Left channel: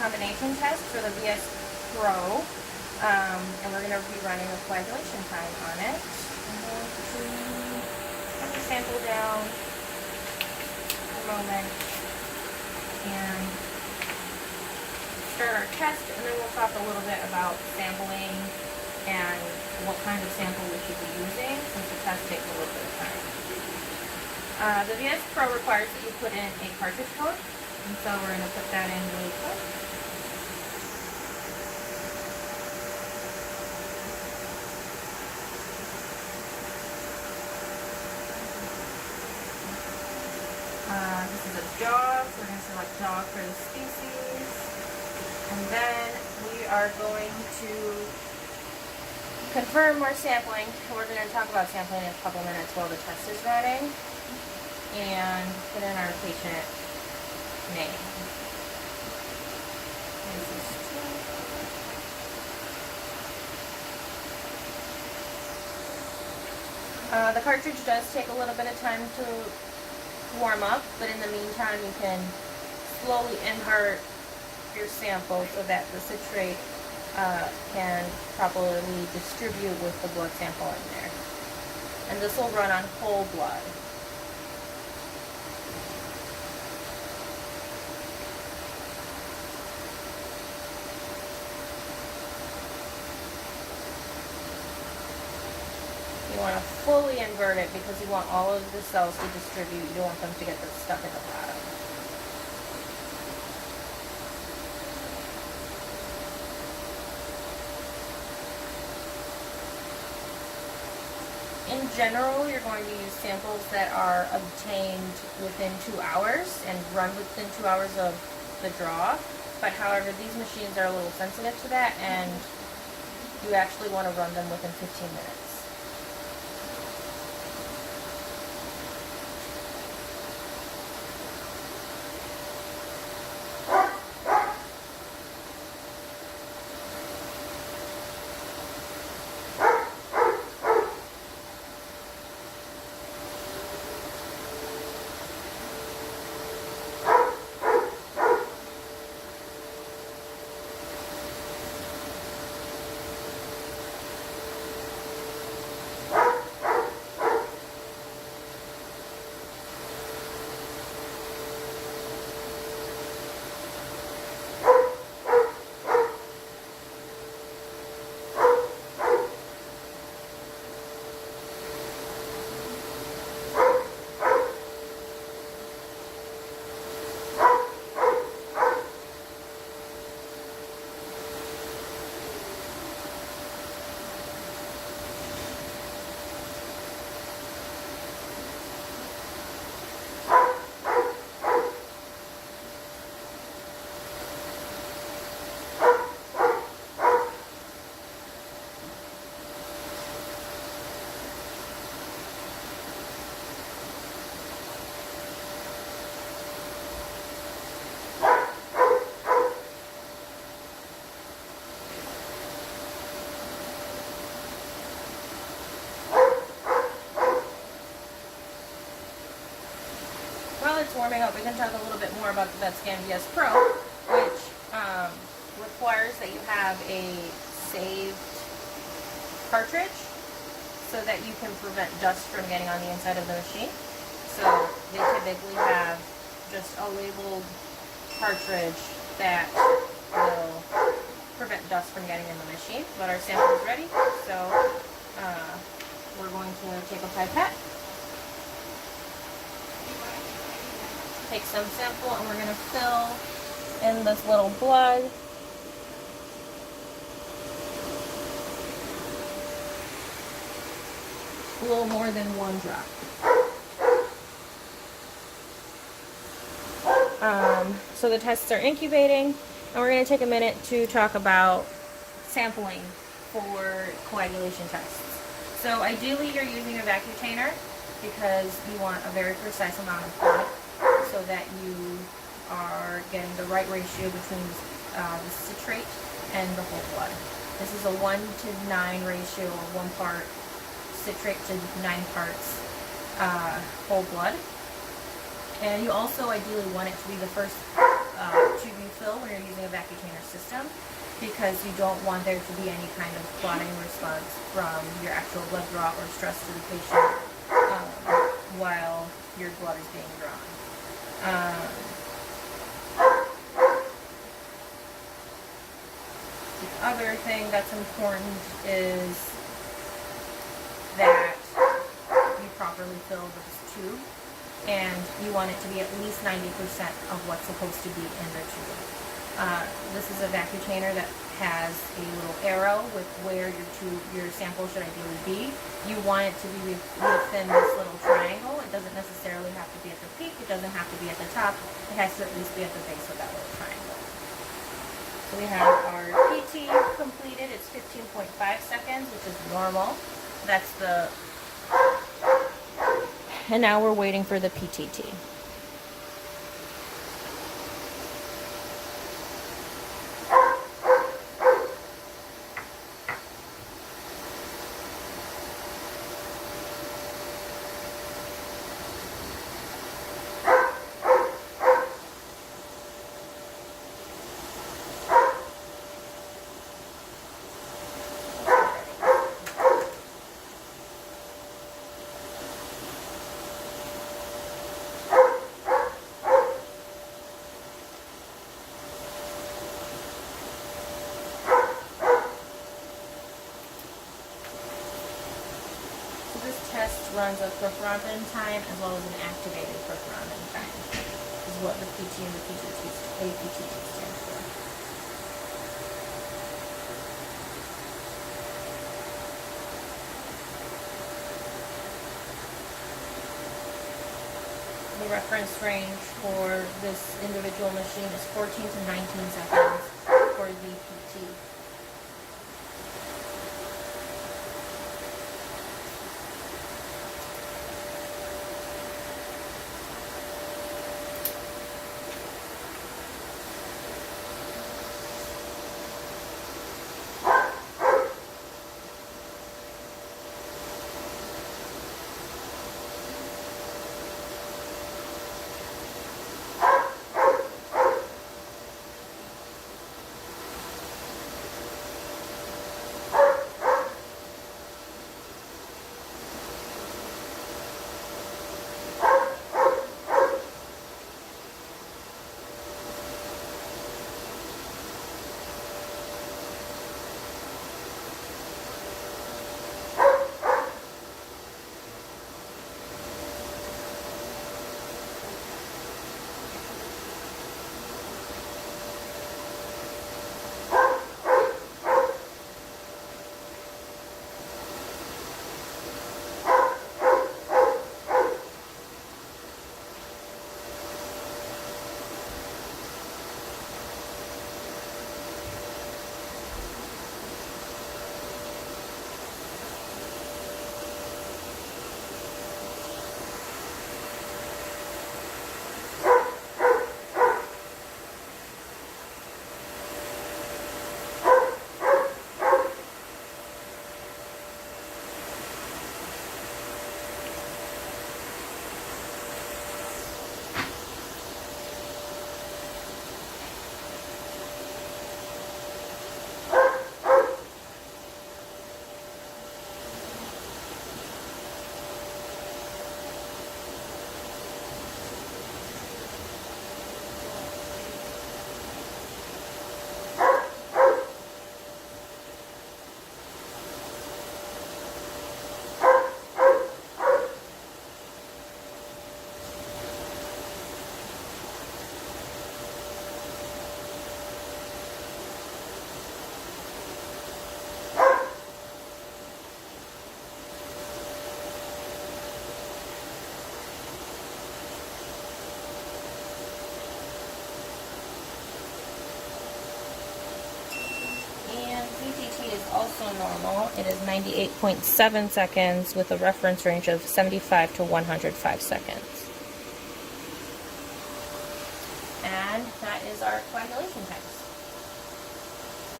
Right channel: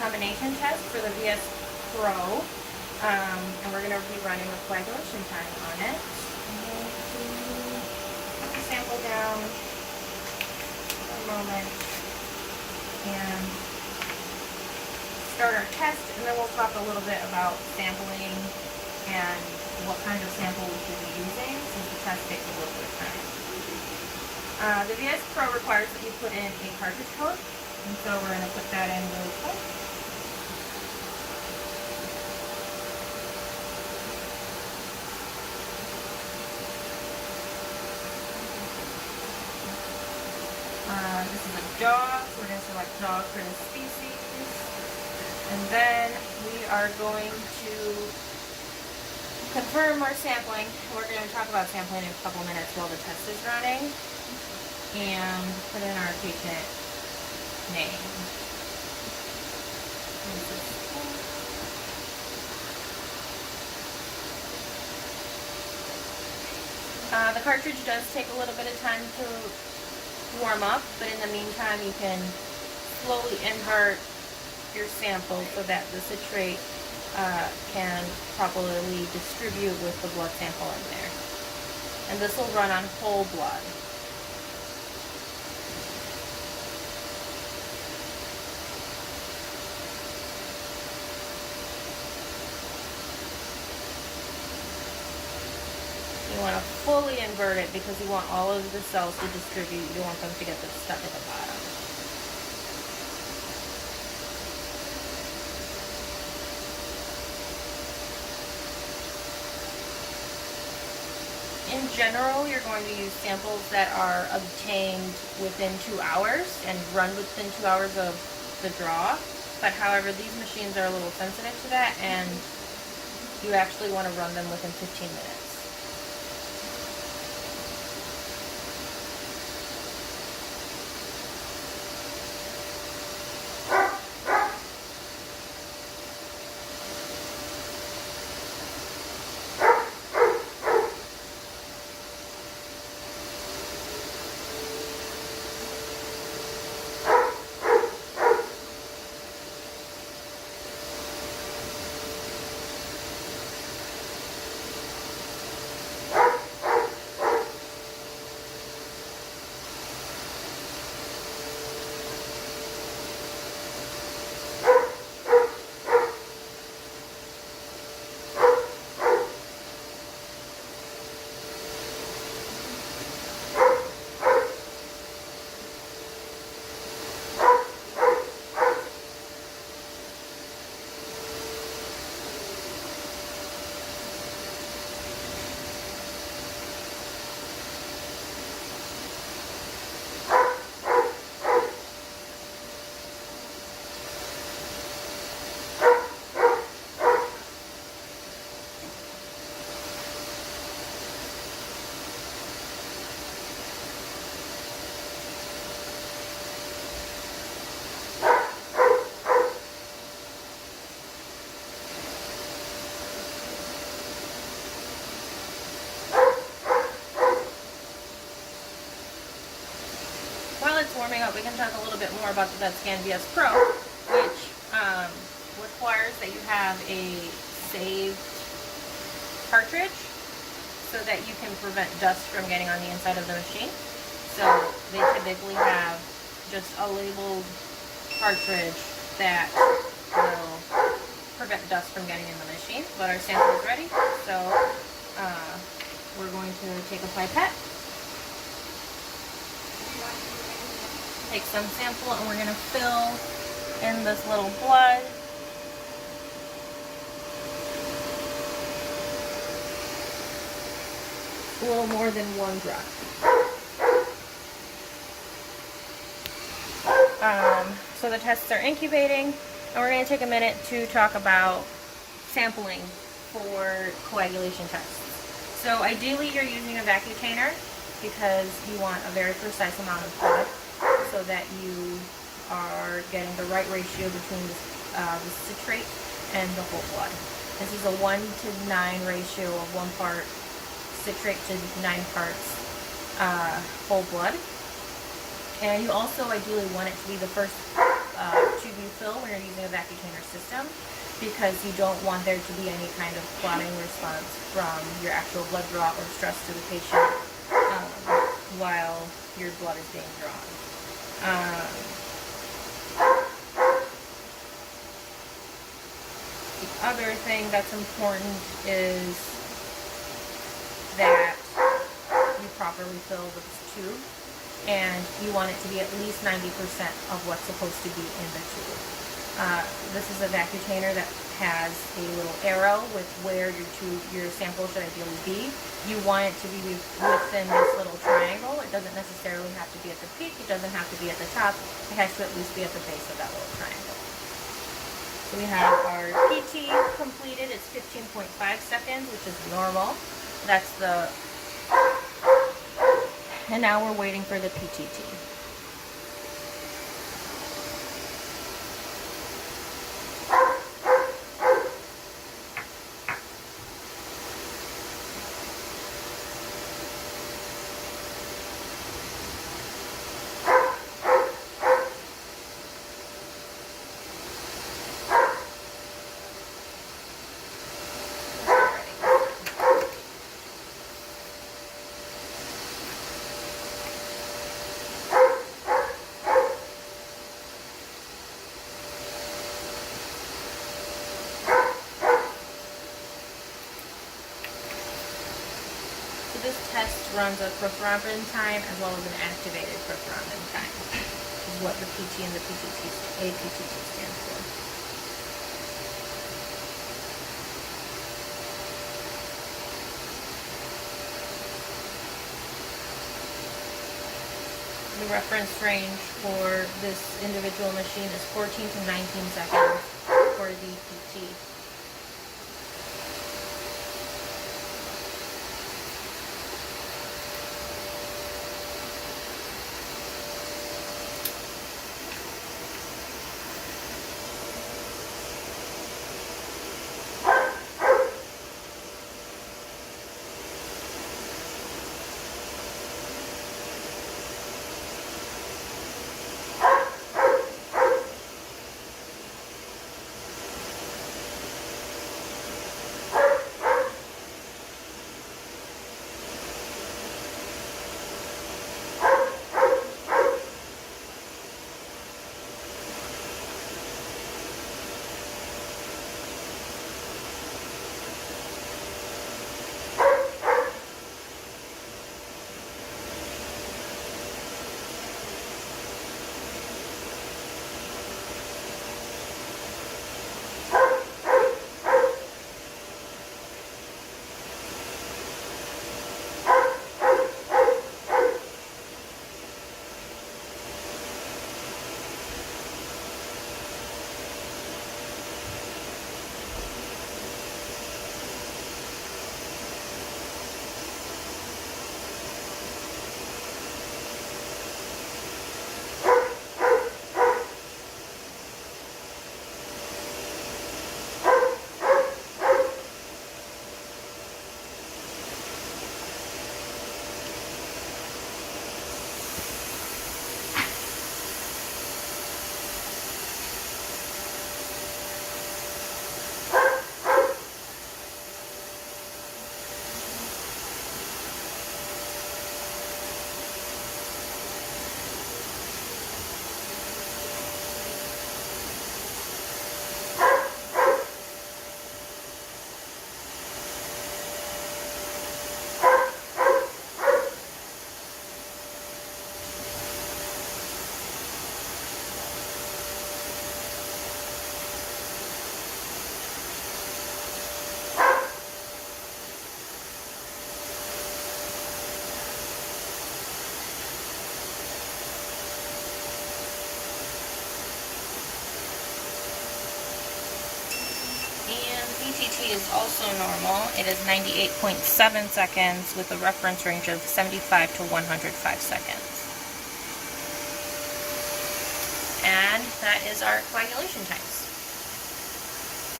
combination test for the VS Pro, and we're going to be running a coagulation time on it. I'm going to put the sample down for a moment and start our test, and then we'll talk a little bit about sampling and what kind of sample we should be using, since the test takes a little bit of time. The VS Pro requires that you put in a cartridge code, and so we're going to put that in really quick. This is a dog, so we're going to select dog for the species, and then we are going to confirm our sampling. We're going to talk about sampling in a couple minutes while the test is running, and put in our patient name. The cartridge does take a little bit of time to warm up, but in the meantime you can slowly invert your sample so that the citrate can properly distribute with the blood sample in there. And this will run on whole blood. You want to fully invert it because you want all of the cells to distribute. You don't want them to get stuck at the bottom. In general, you're going to use samples that are obtained within 2 hours and run within 2 hours of the draw. But however, these machines are a little sensitive to that, and you actually want to run them within 15 minutes. While it's warming up, we can talk a little bit more about the VetScan VS Pro, which requires that you have a saved cartridge so that you can prevent dust from getting on the inside of the machine. So they typically have just a labeled cartridge that will prevent dust from getting in the machine. But our sample is ready, so we're going to take a pipette, take some sample, and we're going to fill in this little blood. A little more than 1 drop. So the tests are incubating, and we're going to take a minute to talk about sampling for coagulation tests. So ideally you're using a vacutainer because you want a very precise amount of blood so that you are getting the right ratio between the citrate and the whole blood. This is a 1:9 ratio of 1 part citrate to 9 parts whole blood. And you also ideally want it to be the first tube you fill when you're using a vacutainer system, because you don't want there to be any kind of clotting response from your actual blood draw or stress to the patient while your blood is being drawn. The other thing that's important is that you properly fill this tube, and you want it to be at least 90% of what's supposed to be in the tube. This is a vacutainer that has a little arrow with where your sample should ideally be. You want it to be within this little triangle. It doesn't necessarily have to be at the peak. It doesn't have to be at the top. It has to at least be at the base of that little triangle. So we have our PT completed. It's 15.5 seconds, which is normal. That's the... And now we're waiting for the PTT. This test runs a prothrombin time as well as an activated prothrombin time, which is what the PT and the APTT stand for. The reference range for this individual machine is 14 to 19 seconds for the PT. PTT is also normal. It is 98.7 seconds with a reference range of 75 to 105 seconds. And that is our coagulation time.